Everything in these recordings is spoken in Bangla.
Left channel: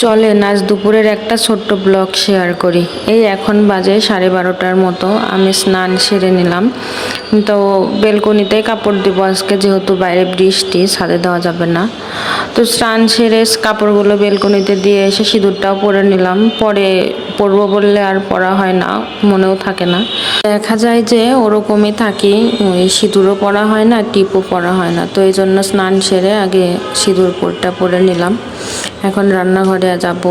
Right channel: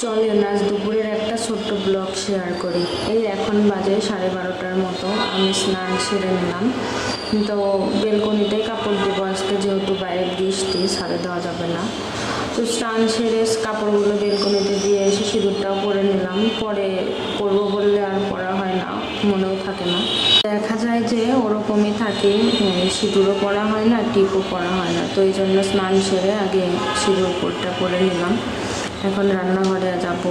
চলেন আজ দুপুরের একটা ছোট্ট ব্লগ শেয়ার করি। এই এখন বাজে 12:30টার মতো। আমি স্নান সেরে নিলাম, তো বেলকনিতে কাপড় দিব আজকে, যেহেতু বাইরে বৃষ্টি, ছাদে দেওয়া যাবে না। তো স্নান সেরে কাপড়গুলো বেলকনিতে দিয়ে এসে সিঁদুরটাও পরে নিলাম। পরে পরবো বললে আর পরা হয় না, মনেও থাকে না। দেখা যায় যে ওরকমই থাকি, সিঁদুরও পরা হয় না, টিপও পরা হয় না। তো এই জন্য স্নান সেরে আগে সিঁদুরটা পরে নিলাম। এখন রান্নাঘরে যাব।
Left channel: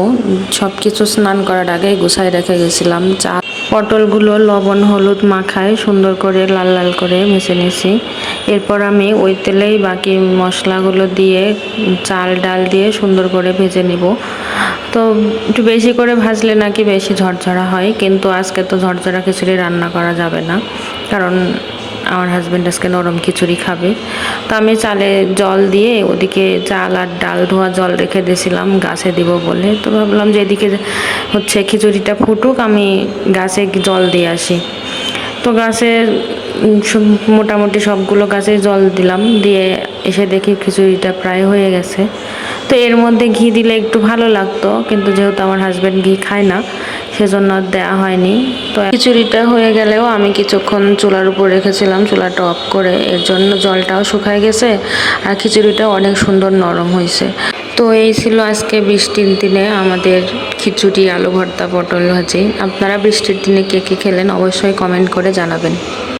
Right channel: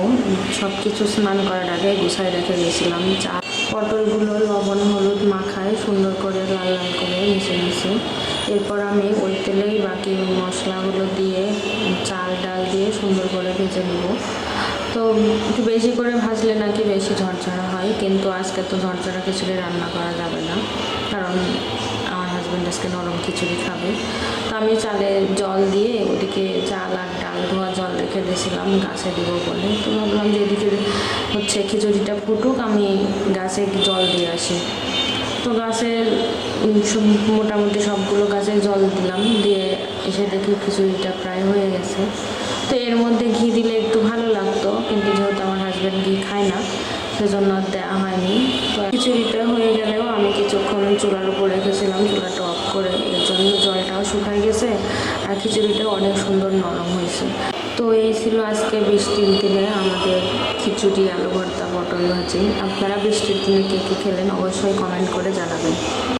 সব কিছু স্নান করার আগেই গুছাই রেখে গেছিলাম। পটলগুলো লবণ হলুদ মাখায় সুন্দর করে লাল লাল করে ভেজে নিয়েছি। এরপর আমি ওই তেলেই বাকি মশলাগুলো দিয়ে চাল ডাল দিয়ে সুন্দর করে ভেজে নিব। তো একটু বেশি করে ভাজলে নাকি বেশি ঝরঝরা হয়, কিন্তু আজকে তো ঝরঝরা খিচুড়ি রান্না করা যাবে না, কারণ আমার হাজব্যান্ড আজকে নরম খিচুড়ি খাবে। তো আমি চালে জল দিয়ে ওদিকে চাল আর ডাল ধোয়া জল রেখে দিয়েছিলাম গাছে দিব বলে। তো ভাবলাম যে এদিকে হচ্ছে খিচুড়িটা ফুটুক, আমি গাছে জল দিয়ে আসি। তো গাছের মোটামুটি সবগুলো গাছে জল দিলাম, দিয়ে এসে দেখি খিচুড়িটা প্রায় হয়ে গেছে। তো এর মধ্যে ঘি দিলে একটু ভালো লাগতো, কিন্তু যেহেতু আমার হাজব্যান্ড ঘি খায় না, সেজন্য আর দেওয়া হয়নি। তো খিচুড়িটা হয়ে গেলেও আমি কিছুক্ষণ চুলার উপর রেখেছিলাম, চুলাটা অফ করে, এর জন্য জলটাও শুকায় গেছে আর খিচুড়িটাও অনেক সুন্দর নরম হয়েছে। তো এই ছিল আজকে বৃষ্টির দিনে আমাদের খিচুড়ি, আলু ভর্তা, পটল ভাজি। আপনারা বৃষ্টির দিনে কে কে খেলেন অবশ্যই কমেন্ট করে জানাবেন।